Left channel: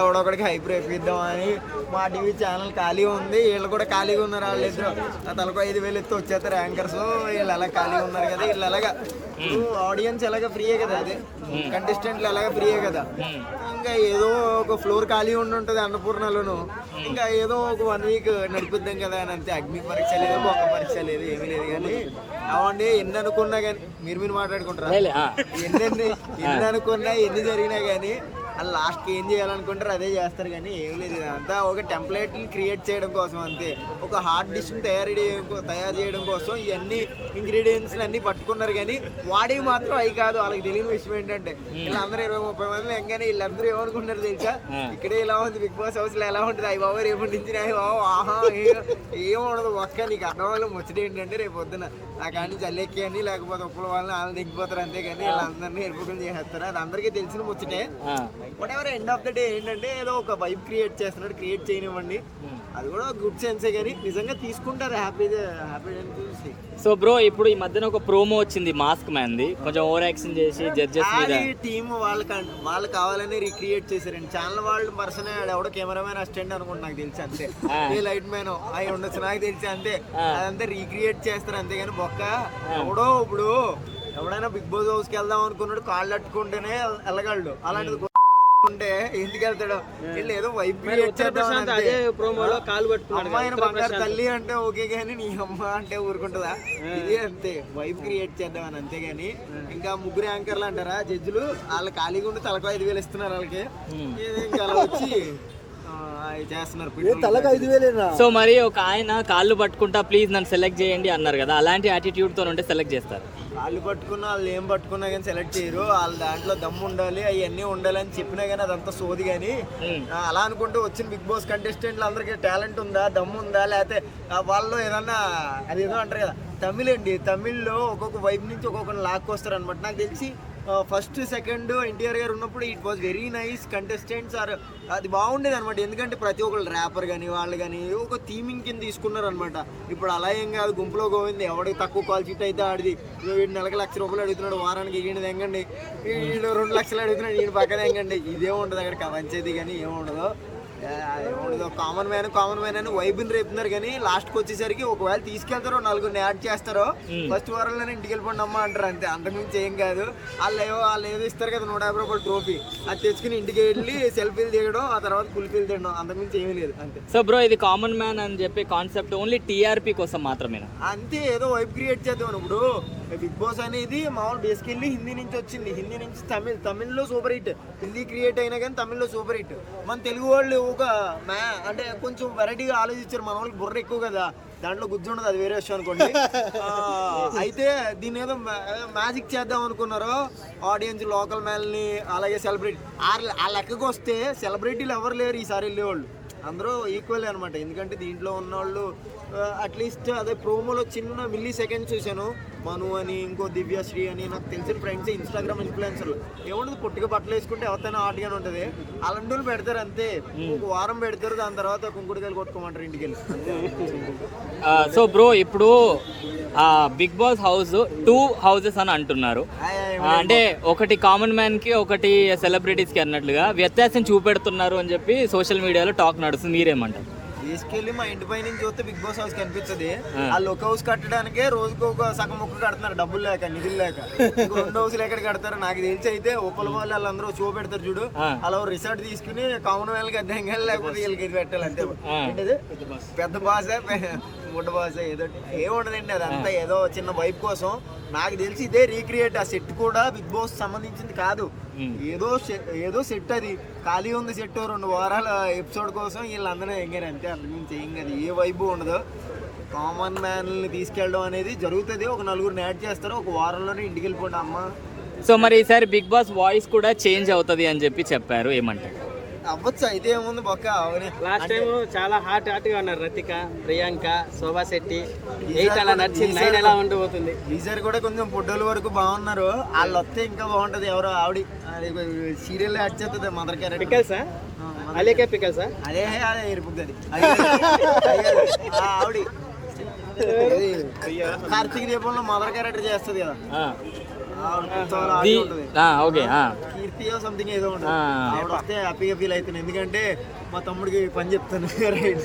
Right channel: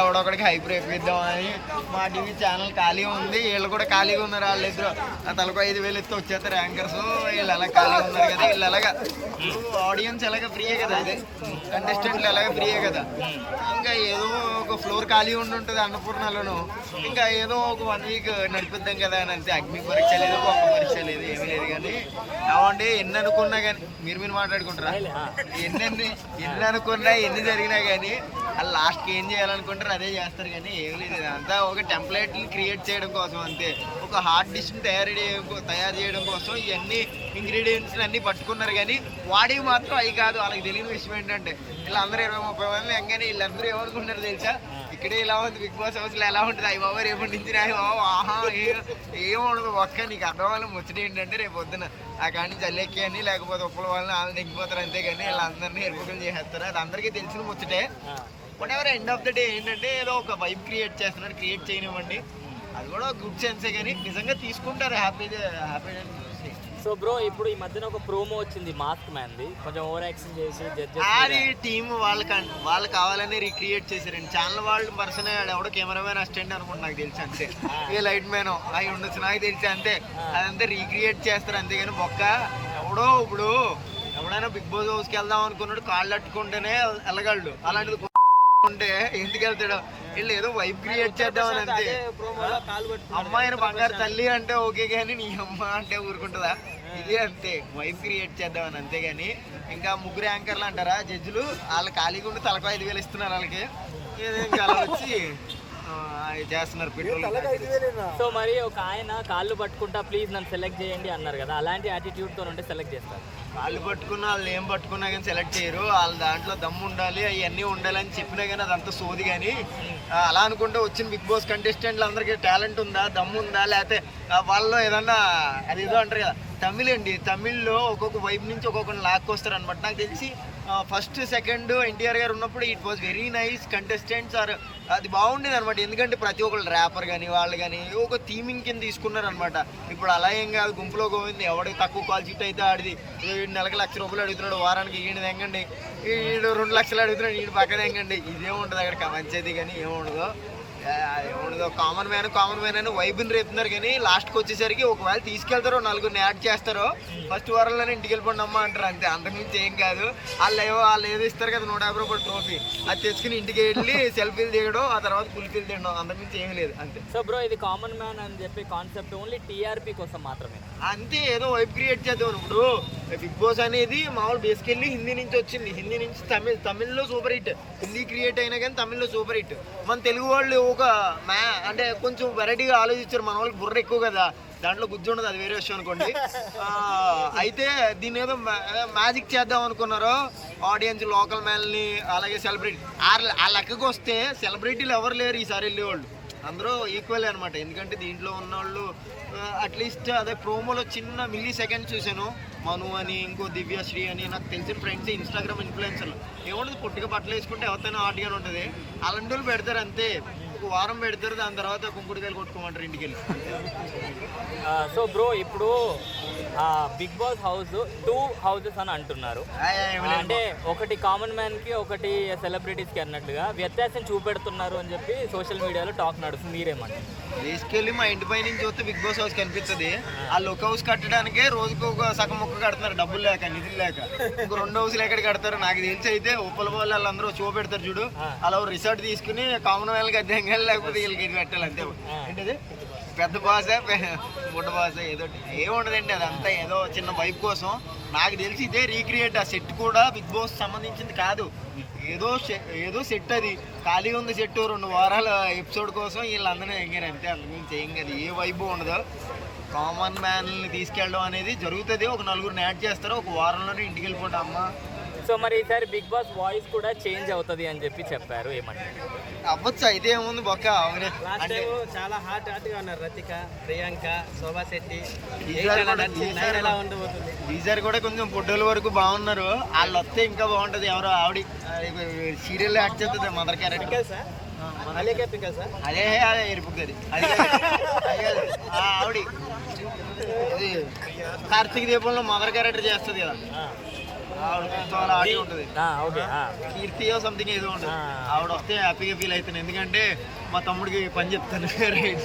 ఎవడొకడికి hype రేపిద్దామని మా TV channel ఖాళీగా ఉంది, వీళ్ళు కూడా ఖాళీగా ఉన్నారు. వాళ్ళిద్దరు తలకు 5,000 ఎత్తి వచ్చేస్తారు యాంకర్స్. వీళ్ళు ఎలా ఖాళీగా ఉన్నారు కదా, వీళ్ళు ఎలాగా ఇప్పుడు ఆడియన్స్ ఎలాగ ఫ్రీయే కదా, అదే కంటెస్టెంట్లు ఎలాగ ఫ్రీయే కదా. ఇంకా ఏదో ఒక ఫ్లోర్ ఖాళీ ఉండి ఉంటుంది అన్నపూర్ణలోను, ఇంకా ఏదో ఒక 1 వీక్ నడిపిద్దాం కదా అని అంతే. అగ్ని పరీక్ష లేదు, ఒక్క పరీక్ష లేదు, ఏమీ లేదు. కానీ అవండి ఎన్ని అనుకున్నా కానీ మీరు మాట్లాడుకుంటారా, ఎన్ని అనుకున్నా ఎన్ని జరిగినా కానీ వాళ్ళు లాస్ట్కి ఏం చేయాలనుకుంటారు అదే చేస్తారు. కానీ ఏం లేదు, అంతా ఒక టెంప్లెట్ని క్రియేట్ చేయడం కోసం అంతే. ఒక హాట్ డిష్ని తయారు చేయడం కోసం ఇవన్నీ ఇంగ్రీడియంట్స్ని అన్నీ పట్టుకున్నారు. కానీ వాడికి మాత్రం అవి కాదు. వాళ్ళకి తెలియని విషయం ఏంటంటే వీళ్ళందరూ 20-30 మంది ఎంగానే వీళ్ళందరూ ఏమనుకుంటారు తెలుసా, ఇక్కడే ఇలా ఉంది, బిగ్ బాస్ హౌస్లో ఎలా ఉంటుంది, అవి బాబా రేపు నుంచి అవి బాబా ఆహా ఏముండదు. ఒక్క నీకు అర్థం వాళ్ళ ముచ్చట ఏంటంటే రేపు పొద్దున ఆ కాడి నుంచి అల్లెక్కి అని లేకపోతే ఉప్పల వాళ్ళని వాళ్ళని దిగిపోతారు అంతేగాని వీళ్ళందరినీ ఎరుపుకలు చేసేస్తారు. అది అందరికీ తెలిసిన ముచ్చటే. Whatever end of the day ఏంటంటే ఏదో ఒక వైబ్ క్రియేట్ చేస్తున్నాడు, క్రియేట్ చేయనివ్వండి, అది కూడా గుడ్ సెన్సే. కానీ నిజంగా తీసుకుంటారు హ్యాపీగా చూసి. సో బ్రో ఇప్పుడు ఈ మధ్యన ఒక ప్రోమో వచ్చింది మాస్క్ మ్యాన్ది, కొంచెం ఓవర్ యాక్షన్ చేసి జడ్జెస్ అది టీమ్ వాళ్ళు కావాలని రీక్రియేట్ చేశారండి. ఛానల్ వాళ్ళు పర్సన్ ఎవడో కెమెరామెన్ అసిస్టెంట్ అనుకుంటా నాకు తెలిసి అంతే, ఏ లైట్ మ్యాన్ అవి ఉండొచ్చు నాకు తెలిసి అంతే. అదంతా రీక్రియేట్ చేస్తారు అంతేగాని బొక్క ఎవడో ఇప్పుడు ఎవడైనా బిగ్ బాస్ హౌస్కి వెళ్దాం అనుకున్నాడు కాళ్ళు అట్టుకుంటేనే వెళ్ళగలడు, అలాంటిది ఉంటే ఎందుకు వెళ్తాడు. వీళ్ళు ఏదో వైబ్ క్రియేట్ చేద్దామని అంతే. అమ్మాయిని బంగారు తల్లి అంటే ఓకే కానీ నీ అమ్మ అంటే ఊరుకుంటుందా, ఇది అంతే వైబ్ క్రియేట్ చేద్దామని అంతేగాని. ఇంకా ముగ్గురు యాంకర్లు అంటారా జడ్జిలు, వాళ్ళు ఖాళీగా ఉండి తలకు 5,000 ఇస్తున్నారు వాళ్ళకి, ఇంకా అలా వచ్చి చేస్తున్నారు. సో మరి ఒక ఆయన కాళ్ళు పట్టుకుంటా ప్లీజ్ నన్ను సెలెక్ట్ చేయండి అన్నారు కదా, అలాంటి యాటిట్యూడ్ తో ఉంటే సెలెక్ట్ చేస్తారు. కాళ్ళు పట్టుకున్నా వాళ్ళు ఏం పట్టుకున్నా కానీ సెలెక్ట్ చేయరు. వాళ్ళ దాంట్లో దమ్ము ఉండాలి, అవన్నీ ఉండాలి అని చెప్పినా కానీ అదంతా సోది. కానీ అలా అనుకుంటే వచ్చిన బిగ్ బాస్ కంటెస్టెంట్లు అందరికీ టాలెంట్ ఉందా, దమ్ము ఉందా, లేకపోతే వాళ్ళు ఏదన్నా అదేదో అంటారు కదా తమిళ్ అండి, తమిళ్లో ఒక్కొక్క వైపు నుంచి ఒక్కొక్కరిని లాక్కొస్తారు అనమాట. నాకు తెలిసి ఫస్ట్ సెకండ్ ఎన్టీఆర్ గారు ఉన్నప్పుడు it was very nice contestants are అది బాగుండేది అనమాట. ఎందుకంటే ప్రతి ఒక్కళ్ళు ర్యాపర్ కానీ వాళ్ళు కానీ ఒక థీమింగ్ కింద తీసుకున్నారు అనమాట. ఇప్పుడు అలా ఏం కాదు, గుంపులో గోవింది ఎవడికి తక్కువ కాల్ షీట్ అయితే ఆడిది. నెలకు ₹1,00,000 అడుగుతున్నాడు, వారానికి ఈయనది ఎంగండి, వీడు 2 లక్షలు అడుగుతున్నాడు, ఈయన పక్కన ఎంగండి. ఇదేముండదు అక్కడ పంచేది కానీ ఏముండదు, ఏముండదు. కామన్ మ్యాన్ అని వైబుని రేపుతున్నారు. కానీ లాస్ట్కి వచ్చేసరికి ఒకవేళ తీసుకెళ్తారో 4 యాడ్ చేస్తారో ఫస్ట్ వారంలోనే ఇంటికి వెళ్ళిపోండి అమ్మ అంటారు అంతే, అంతకుమించి ఏం కాదు. వాళ్ళు ఏదో ఇస్తారు కదా ₹150 ట్రోఫీ, అది తెచ్చుకుని ఇంటికి వెళ్ళి సెల్ఫీలు దిగడం, ఆ తర్వాత కుల్ఫీలు తినడం, అంతకుమించి ఏమీ లేదు అంతే. సో బ్రో ఇది కామన్ మ్యాన్ అని చెప్పే కాన్సెప్ట్ ఓన్లీ టీఆర్పీ కోసం మాత్రమే అంతే, ఏదో వైబ్ క్రియేట్ చేద్దాం. ఇప్పుడు బిగ్ బాస్ అనేది మామూలు బేసికల్లీ హిందీ నుంచి వచ్చింది, హిందీ నుంచి తమిళ్లో సూపర్ హిట్, హిందీ క్రియేట్ అయినా కానీ తమిళ్లో సూపర్ హిట్. మన తెలుగు వాళ్ళు ఒక అంటే కొంచెం వెరైటీగా ఆలోచించారు. మన వాళ్ళకి బుర్ర ఎక్కువ కదా, దాంట్లో గుజ్జు ఉండదు, అది వేరే విషయం అనుకోండి. అయితే దీన్ని ఏదో మ్యాజిక్ చేద్దాం అనుకున్నారు. ఆడియన్స్ లోకల్ మ్యాన్ని అలాగే సెలబ్రిటీ ఆ లెక్కకు వస్తే సెలబ్రిటీలు ఎవరు లేరు ఈసారి వెళ్ళేవాళ్ళు, అందరూ ఈక్వల్ అనమాట. ఎందుకంటే దీంట్లో ఉన్నవాళ్ళు అట్లీస్ట్ అదే ప్రోమోలో చిన్న మిల్లీ సెకండ్స్ చూశాను. మను అని, ఇంకో దివ్యశ్రీ అని, నాకు తెలిసిన ఫ్రెండ్స్ ఇన్స్టాగ్రామ్ ఇన్ఫ్లుయెన్సర్లు. ఏముంటుంది పొట్టిగా బట్టలు వేసుకుంటే ఎవరైనా ఆటగానే ఉంటుంది, అలాంటి వాళ్ళు పెడతారు అంతే. ఒక వారం పెడతారు, దాని తర్వాత కుంకుడుకాయలు కొట్టుకోమంటారు ఇంటికి వెళ్ళి అంతే. సో బ్రో ఇప్పుడు బిగ్ బాస్ హౌస్ 2 houses అని అంటున్నారు, అంటే ఒకటి కామన్ మ్యాన్ కి ఒకటి సెలబ్రిటీస్ కి అన్నట్లుగా వ్యత్యాసం చూపెడుతున్నారు అని చెప్పి సోషల్ మీడియాలో టాక్ నడుస్తుంది, మీరేమంటారు? తీసుకెళ్ళి మా ఇంటి పై నుంచి చూస్తే బిగ్ బాస్ హౌస్ కనిపిస్తుంది. వాళ్ళు ఒక హౌస్ కట్టడానికే రోజుకి ఒక సగం మొక్క కడుతున్నారు, డబ్బులు లేక నిధులు లేక. ఇంకో 2 హౌస్లు ఎక్కడ కడతారు నాకు తెలిసి. అయితే ఉప్పల వాళ్ళు వాళ్ళందరూ షో పెడతారు చూడు, అలా రిసార్ట్ తీసుకుని కామన్ వాళ్ళకి అద్దెం కానీ లేకపోతే వీళ్ళకి ఇది పెట్టాలి అంతే. ఏంటది పెద్ద బాస బుడ్డ బాస ఏదో ఏముండదండి, అదంతా ఏదో చిన్న వైబ్ కోసం. నాకు తెలిసి ఇదే రీక్రియేట్. ఆ సెట్ కూడా బిగ్ బాస్ సంబంధించింది కాదు, ఏదో సెట్, అది ఖాళీ ఉంది సెట్. 2 వారాల ఎపిసోడ్ కోసం వీళ్ళందరూ ఎంగారు అంతే, అంతకుమించి ఏం కాదు. ఏ వైబు ఉండదు. కామన్ మ్యాన్ని తీసుకెళ్ళడం అనేది జరుగుతుంది. ఒక 4 యాడ్ చేస్తారు, ఒక వారంలోనే ఇంటికి వెళ్ళిపోండి అమ్మ. సో మరి ఈసారి బిగ్ బాస్ వాయిస్ కూడా చేంజ్ అవుతుంది అని చెప్పి చెప్పారు, ఏమంటారు? అవ్వచ్చు, అయితే ఏముంది బొక్క. అంటే చాలా హాట్ గా ఉన్నారు రతిక, ప్రియాంక, శోభా శెట్టి. ఈసారి కూడా కొంచెం ఫోటోల వరకు బాగున్నారు. వాళ్ళు వస్తే ఇంకా బాగుంటది. ఎవరో ఆవిడ సీరియల్ యాడ్ చేస్తుంది మదర్ క్యారెక్టర్. అదే అదే ఎరుపుతుంది ఆవిడ. ఇది కార్తీక దీపంలో మదర్ క్యారెక్టర్ చేస్తుంది కదా, ఆవిడ ఉత్సవాలు ఆడి ఉంటుంది, ఓకే కీర్తియో సంథింగ్ ఏదో ఉంటుంది. ఆ. ఆవిడ వస్తే హ్యాపీగా ఫీల్ అవుతాను, ఎందుకంటే మా తమ్ముడికి పని చెప్తాను రైట్.